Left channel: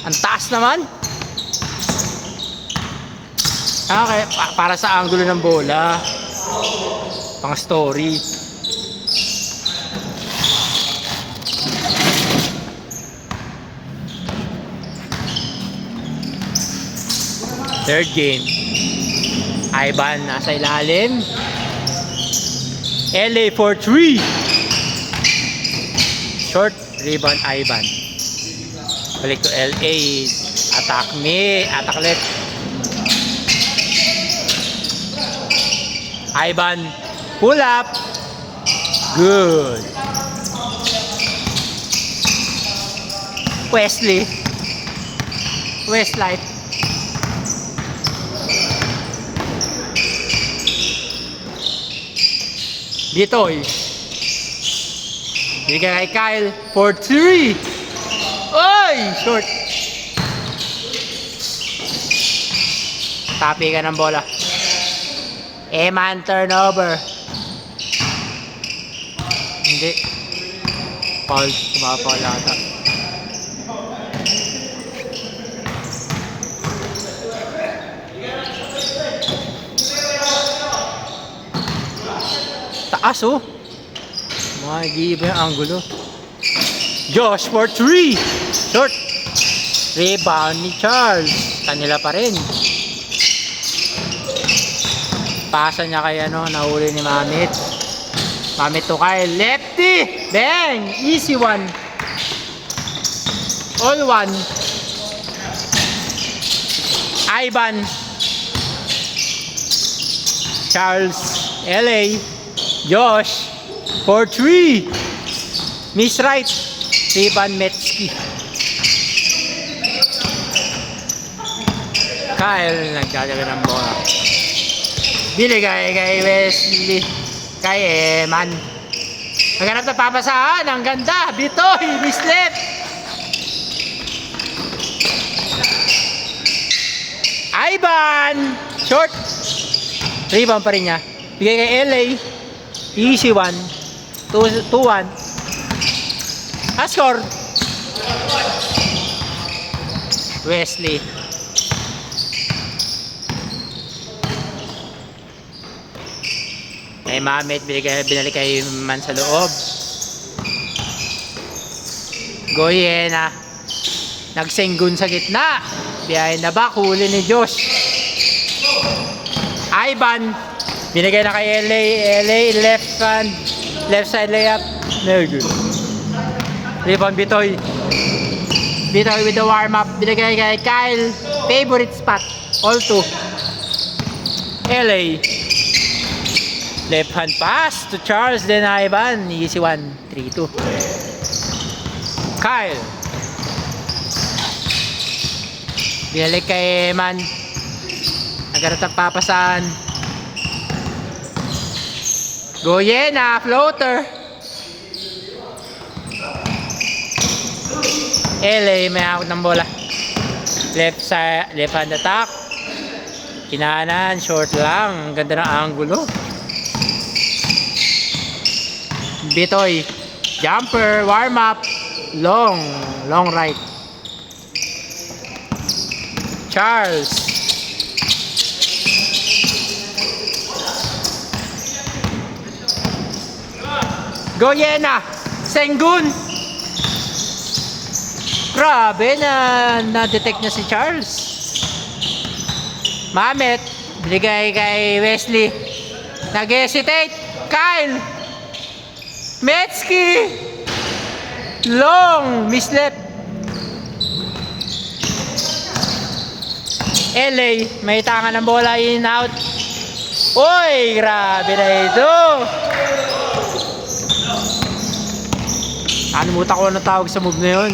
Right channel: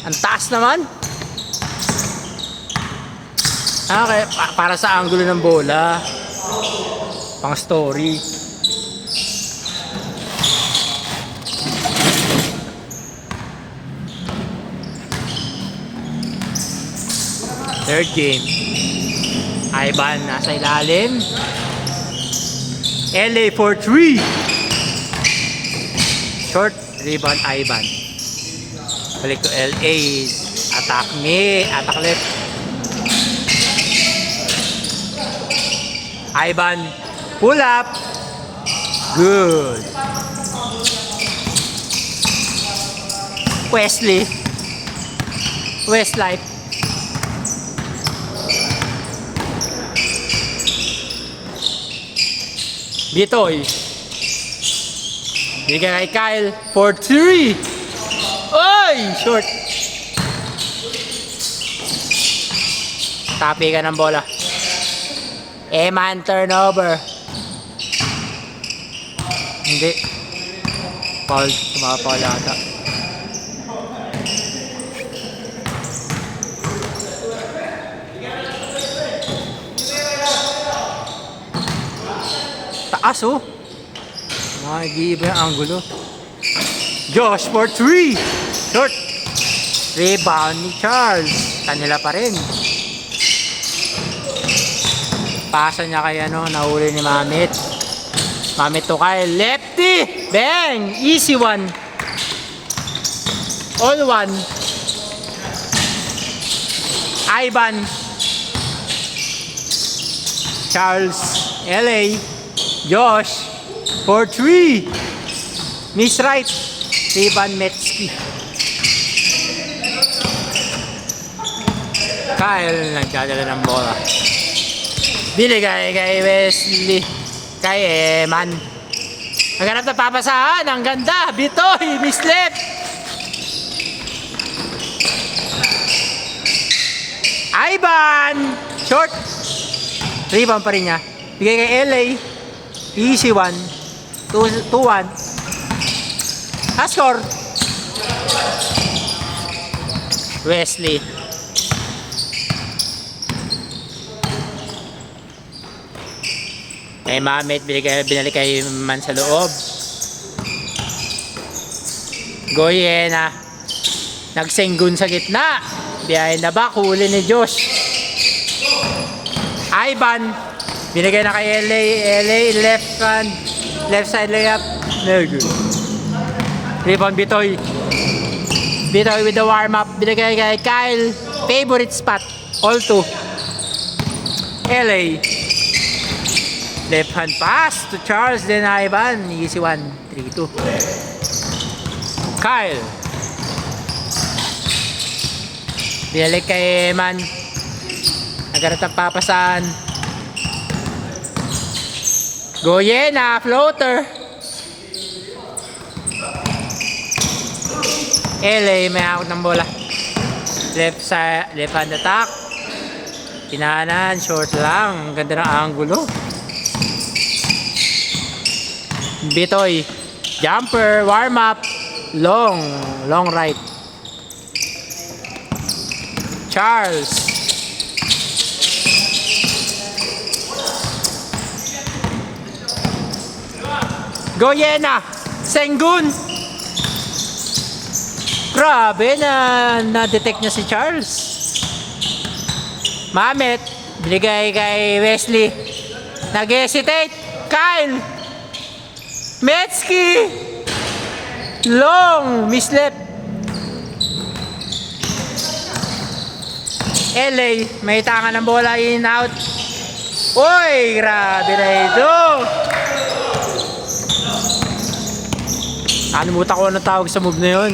Ang taas naman. Okay, para sa angulo ng bola. Pang story. Third game. Ivan nasa ilalim. LA for 3. Short rebound Ivan. Balik to LA. Attack ni. Attack ulit. Ivan. Pull up. Good. Wesley. Westlife. Bitoy. Bigay kay Kyle for 3. Oy! Short. Tapi ka ng bola. Eman turnover. Hindi. Foul. Tumapaul ata. Taas oh. Mag-iiba yung angulo. Josh for 3. Short. Rebound ni Charles. Kanila pa rin. Pasa niya kay ano, nahuli ni Mamit. Mamit to Kyle. Lefty! Bang! Easy one. All one. Ivan. Charles. LA. Josh. For 3. Miss Right. Ivan Metsky. Kyle nagdadala ng bola. Binigay kay Wesley. Kay Eman. Naghanap na papasahan. Ang ganda. Bitoy. Miss left. Ivan. Short. Rebound pa rin niya. Bigay kay LA. Easy one. 2-1. Score. Wesley. Mamit, binalik kay Man sa loob. Goyena. Nagsenggun sa gitna. Behind the back, huli ni Josh. Ivan. Binigay na kay LA left side layup. Very good. Rebound Bitoy. Bitoy with the warm up. Binigay kay Kyle. Favorite spot. All two. LA. Left hand pass to Charles, then Ivan. Easy one. 3-2. Kyle. Binalik kay Man. Nagkarat ang papasan. Goyena, floater. LA may out ng bola. Left hand attack. Kinanan, short lang. Ang ganda ng angulo. Bitoy. Jumper, warm up. Long right. Charles. Goyena. Senggun. Grabe na-detect niya si Charles. Mamet. Binigay kay Wesley. Nag-hesitate. Kyle. Metsky. Long. Mislep. LA. May tangan ng bola in out. Uy, grabe na ito. Animutan ko na tawag sa move na yun.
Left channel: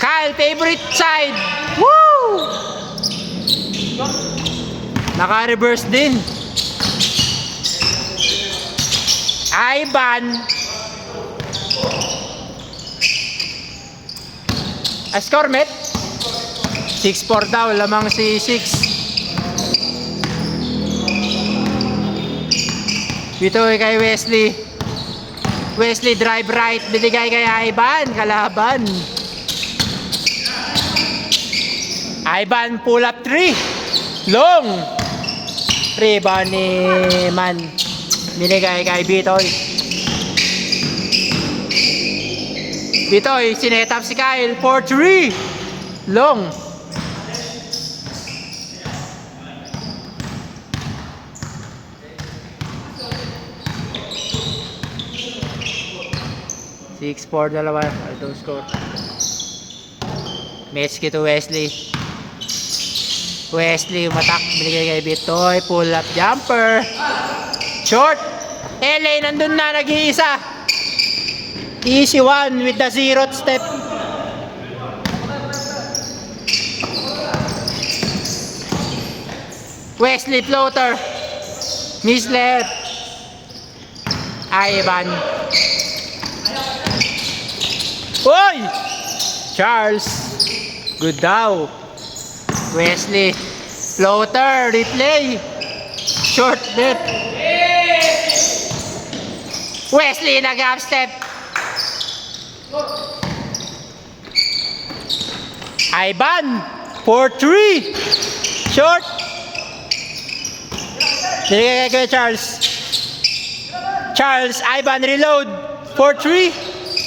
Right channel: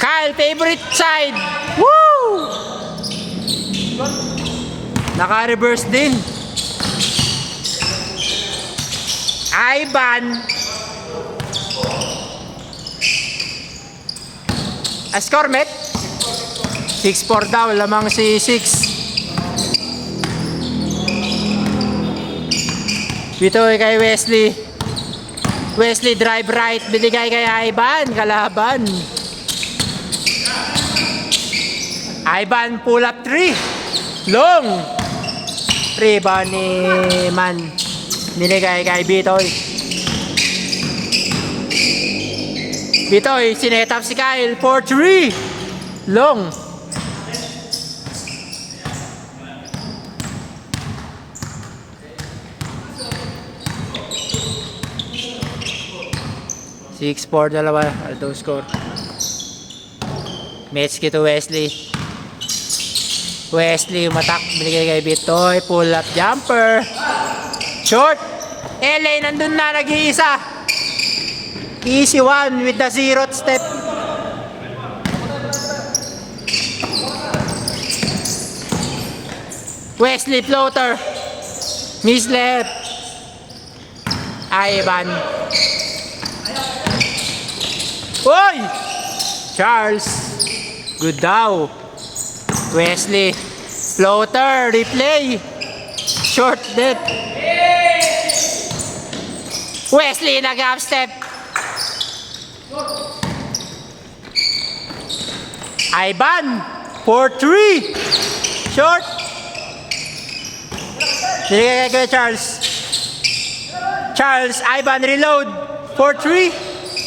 Kyle, favorite side. Woo! Naka-reverse din. Ivan. Score met. 6-4 daw. Lamang si 6. Bitoy kay Wesley. Wesley drive right. Binigay kay Ivan. Kalaban. Ivan pull up 3. Long. Rebound ni Man. Binigay kay Bitoy. Bitoy, sinetap si Kyle. 4-3. Long. Six, 4, dalawa. Altong score. Metzky to Wesley. Wesley, umatak. Binigay kay Bitoy. Pull up jumper. Short. LA, nandun na. Nag-iisa. Easy one with the 0th step. Wesley floater. Miss left. Ivan. Oy! Charles. Good daw. Wesley. Floater. Replay. Short net. Wesley nag-half step. Ivan. 4-3. Short. Binigay kay Charles. Charles. Ivan reload. 4-3.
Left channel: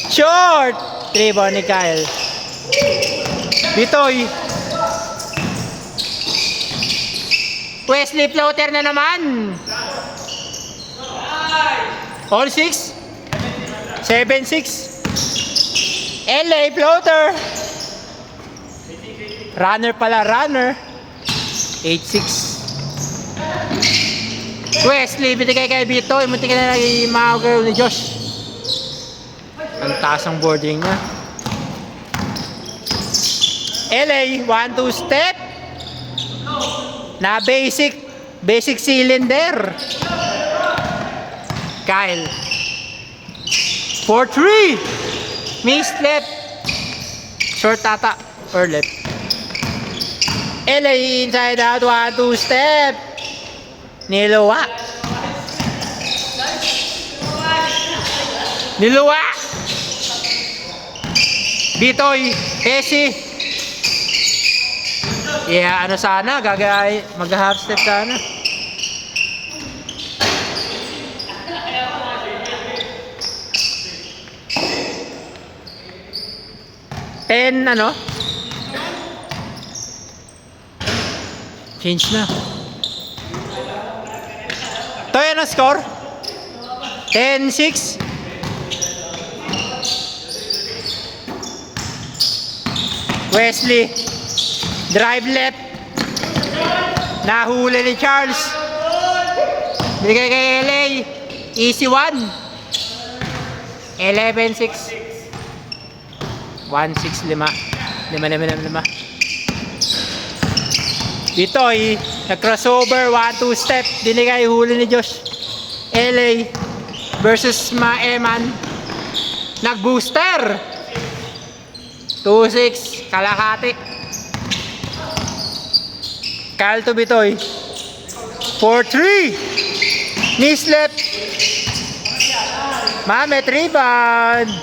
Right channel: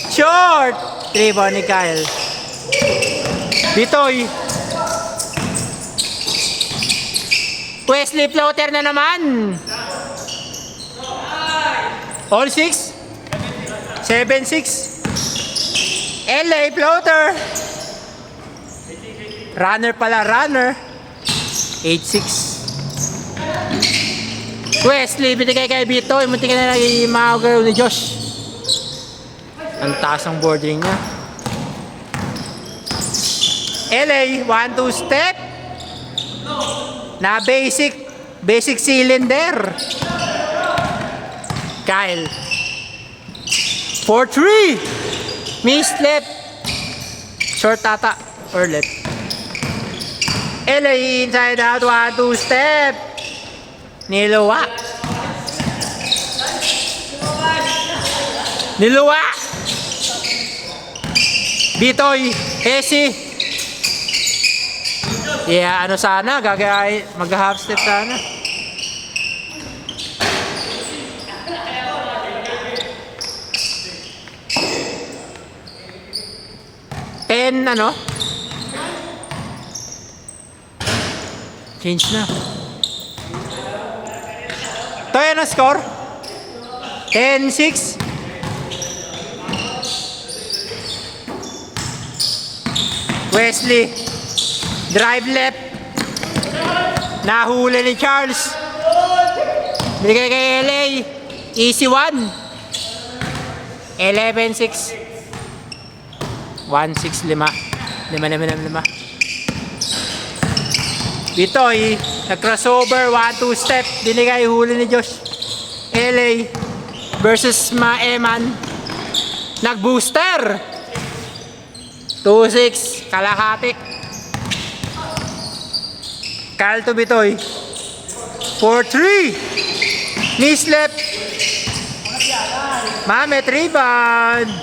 Short. 3 ni Kyle. Bitoy. Wesley floater na naman. All 6. 7-6. LA floater. Runner pala, runner. 8-6. Wesley, binigay kay Bitoy. Munti ka na nag-imagaw ni Josh. Ang taas ang bordering niya. LA, 1-2 step. Na basic cylinder. Kyle. 4-3. Miss left. Short tata. Or left. LA inside out. 1-2 step. Niluwa. Bitoy. Esi. Yeah, ano sana. Mag-half step sana. Ano? Change na. Ito yan ang score. 10-6. Wesley. Drive left. Nahuli ni Charles. Bigay kay LA. Easy one. 11-6. 1-6-5. 5. Bitoy, nag-crossover, 1-2 step, binigay huli ni Josh. LA versus Maeman. Nag-booster. 2-6, kalahati. Kyle to Bitoy. 4-3. Miss left. Mamet rebound.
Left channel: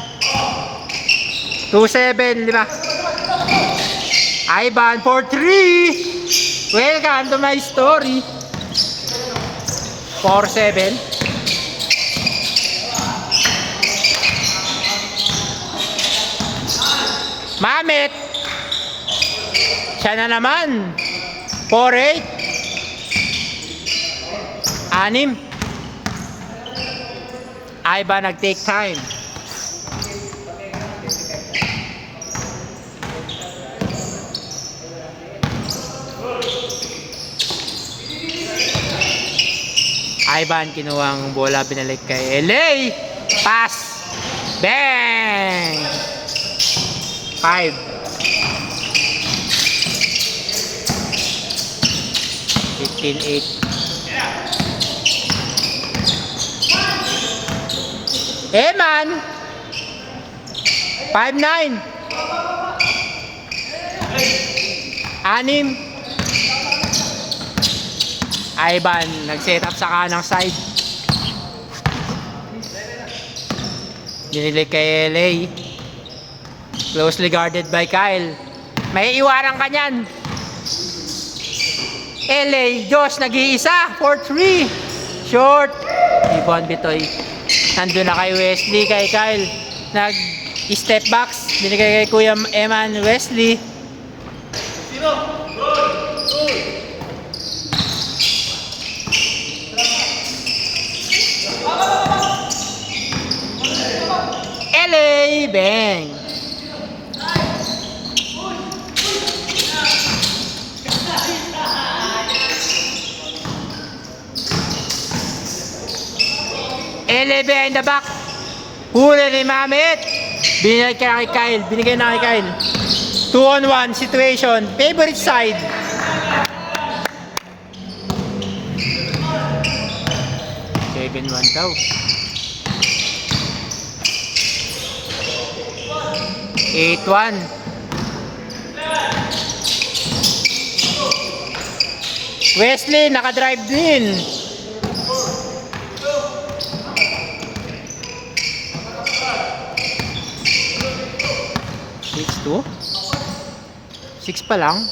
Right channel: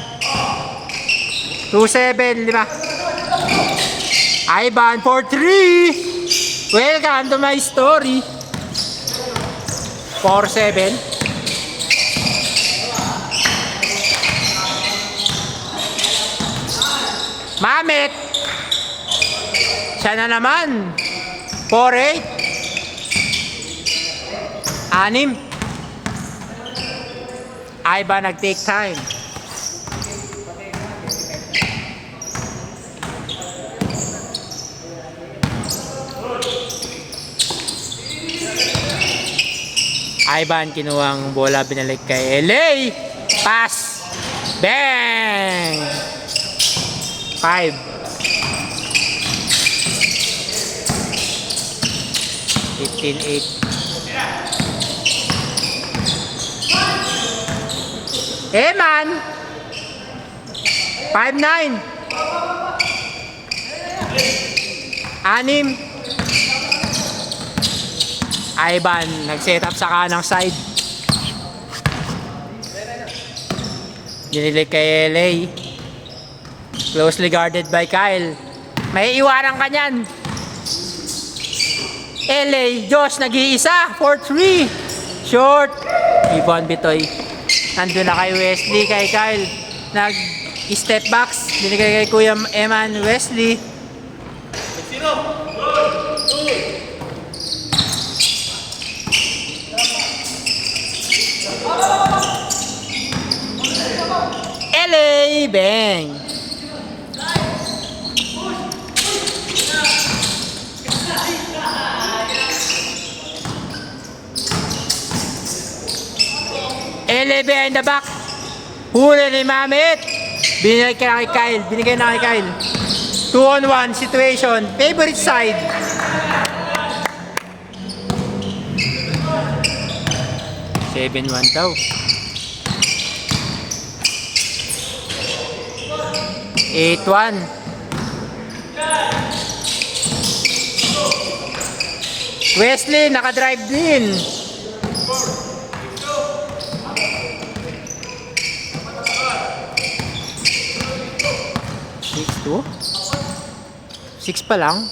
2-7, 5. Ivan, 4-3. Welcome to my story. 4-7. Mamet. Siya na naman. 4-8. 6. Ivan nag-take time. Ivan kinuwang bola, binalik kay LA. Pass. Bang! 5. 15-8. Eh man. 5-9. 6. Ivan nag-set up sa kanang side. Dinilig kay LA. Closely guarded by Kyle. May iwanan ka niyan. LA, Josh, nag-iisa. 4-3. Short. Ibon Bitoy. Nandun na kay Wesley, kay Kyle. Nag-step backs. Binigay kay Kuya Eman Wesley. LA, bang. LA behind the back. Huli ni Mamit. Binigay na kay Kyle. 2-on-1 situation. Favorite side. Seven 1 daw. 8-1. Wesley nakadrive din. 6-2? 6 pa lang?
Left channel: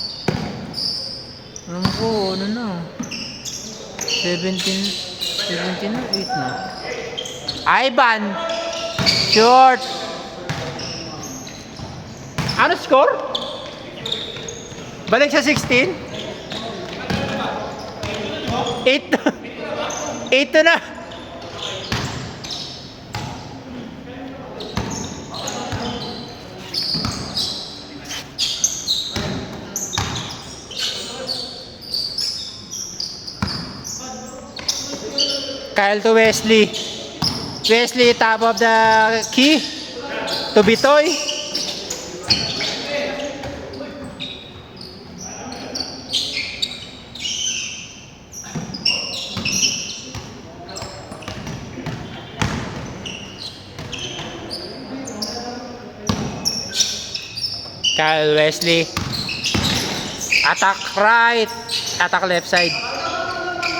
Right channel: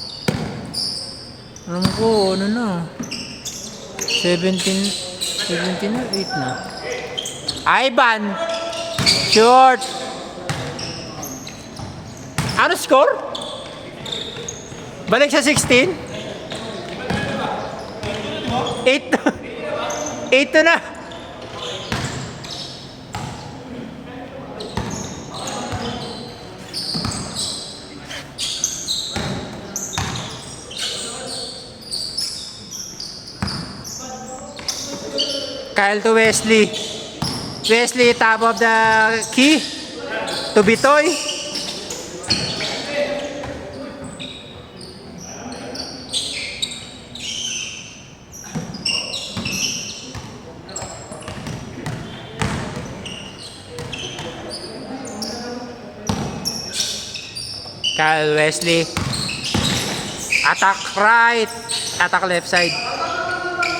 Alam ko, ano na? 17 na, 8 na. Ivan! Short! Ano score? Balik sa 16? 8 to. 8 to na. Kyle to Wesley. Wesley top of the key to Bitoy. Kyle Wesley. Attack right. Attack left side.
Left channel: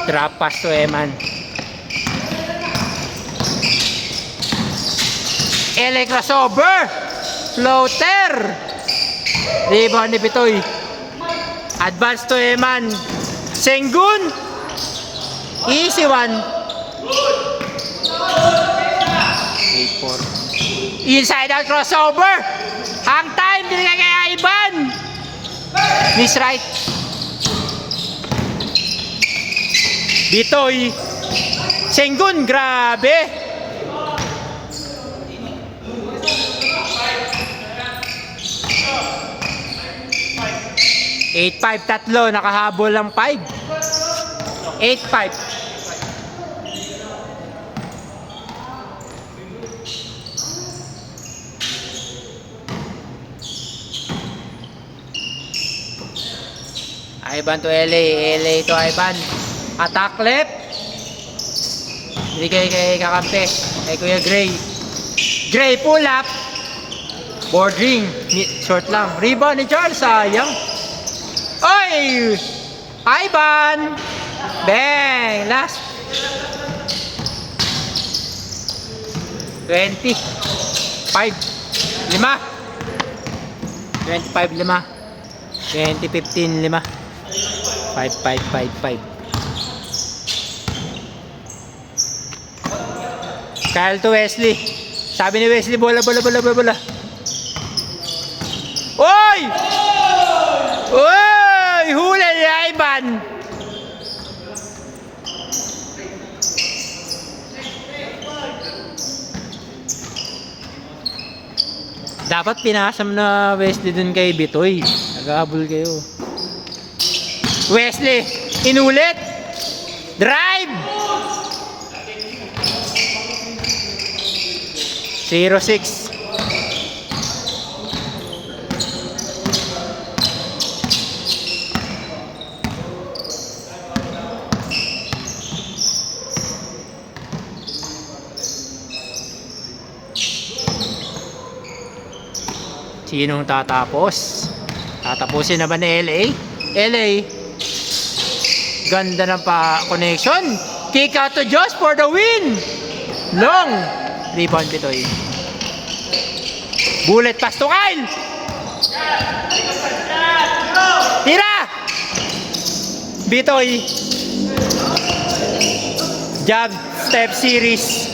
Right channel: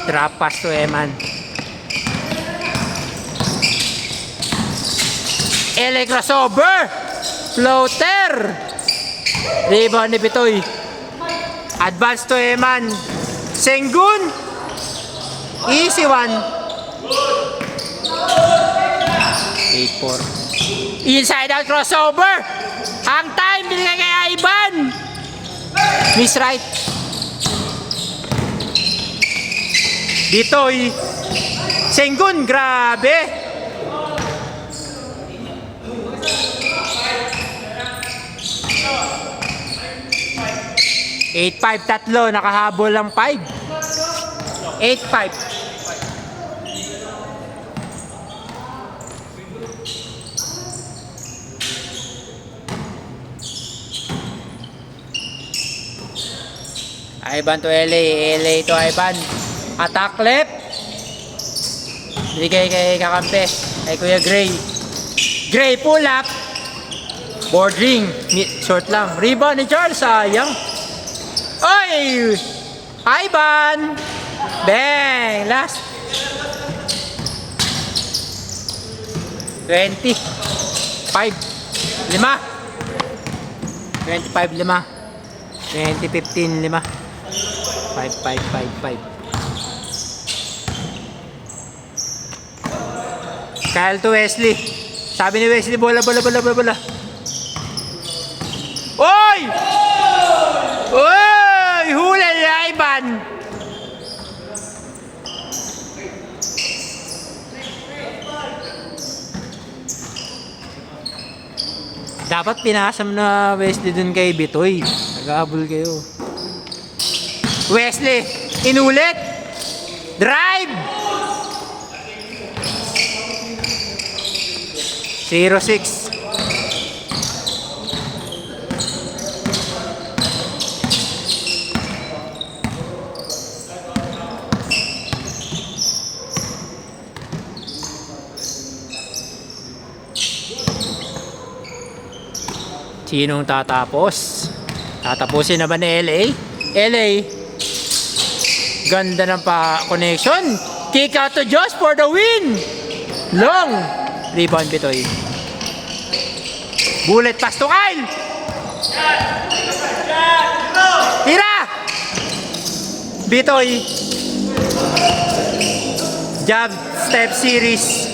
Drop pass to Eman. LA crossover. Floater. Rebound ni Bitoy. Advance to Eman. Sengun. Easy one. 8-4. Inside out crossover. Ang time binigay kay Ivan. Miss right. Bitoy. Sengun, grabe. 8-5 tatlo, nakahabol lang 5. 8-5. Ivan to LA, LA to Ivan. Attack left. Bigay kay kakampi, kay Kuya Gray. Gray pull up. Boarding, short lang. Rebound ni Charles, sayang. Oy! Ivan! Bang! Last. 25. 5. 25, 5. 20-15, 5. 5. Kyle to Wesley. Sabi ni Wesley, bola. Oy! Oy! Huli ni Ivan! Dapat pinasam na Wesley dun kay Bitoy. Nag-aabol kayo. Wesley, inulit. Drive! 0-6. Sinong tatapos? Tatapusin na ba ni LA? LA. Ganda ng connection. Kick out to Josh for the win. Long. Rebound Bitoy. Bullet pass to Kyle. Tira! Bitoy. Jab, step series.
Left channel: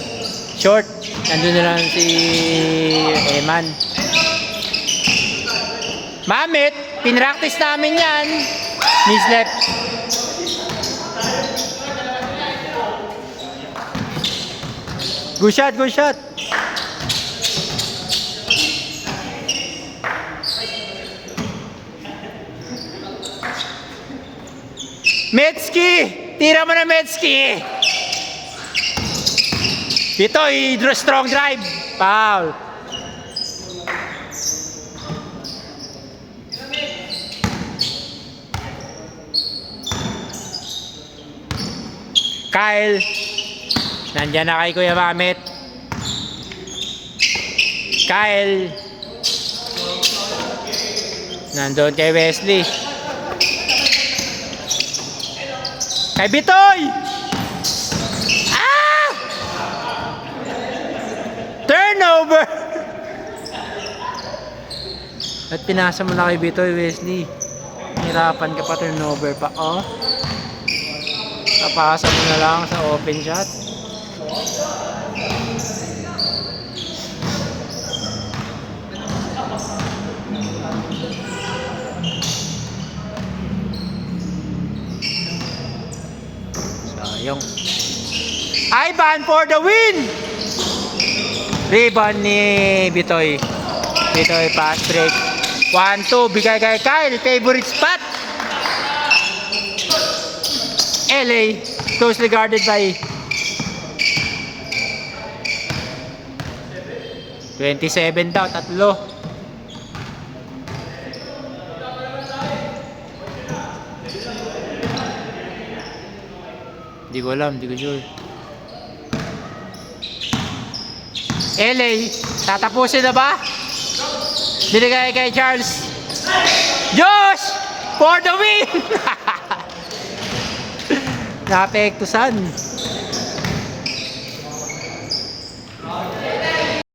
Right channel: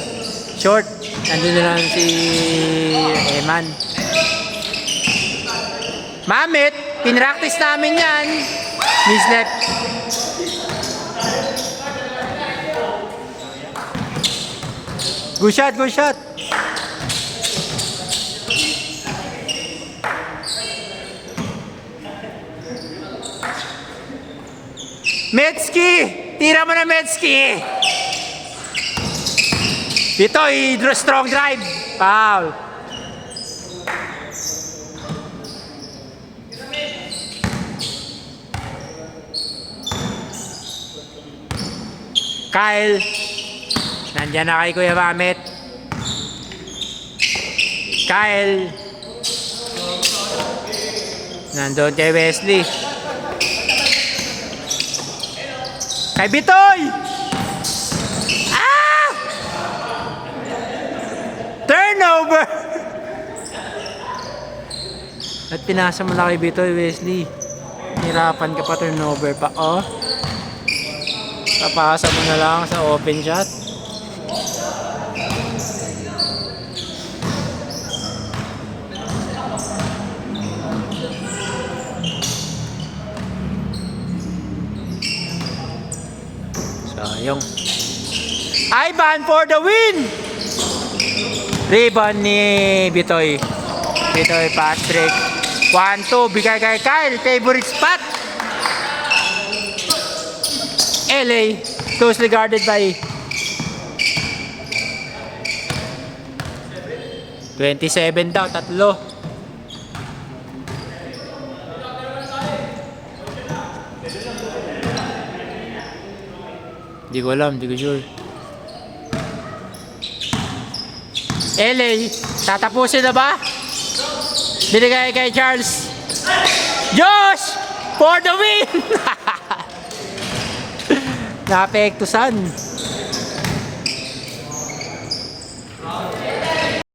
Short. Nandun na lang si Eman. Mamit, pinractice namin yan. Miss left. Good shot, good shot. Metski! Tira mo na Metski! Dito, strong drive. Foul. Kyle. Nandiyan na kay Kuya Mamit. Kyle. Nandun kay Wesley. Kay Bitoy! Ah! Turnover! At pinasa mo na kay Bitoy, Wesley. Hirapan ka pa, turnover pa. Oh. Papasa mo na lang sa open shot. Sayang. Ivan for the win! Rebound ni Bitoy. Bitoy pass break. 1-2. Bigay kay Kyle. Favorite spot. LA. Closely guarded by 27 daw. Tatlo. Di ko alam, di ko sure. LA, tatapusin na ba? Binigay kay Charles. Josh! For the win! Naapektusan.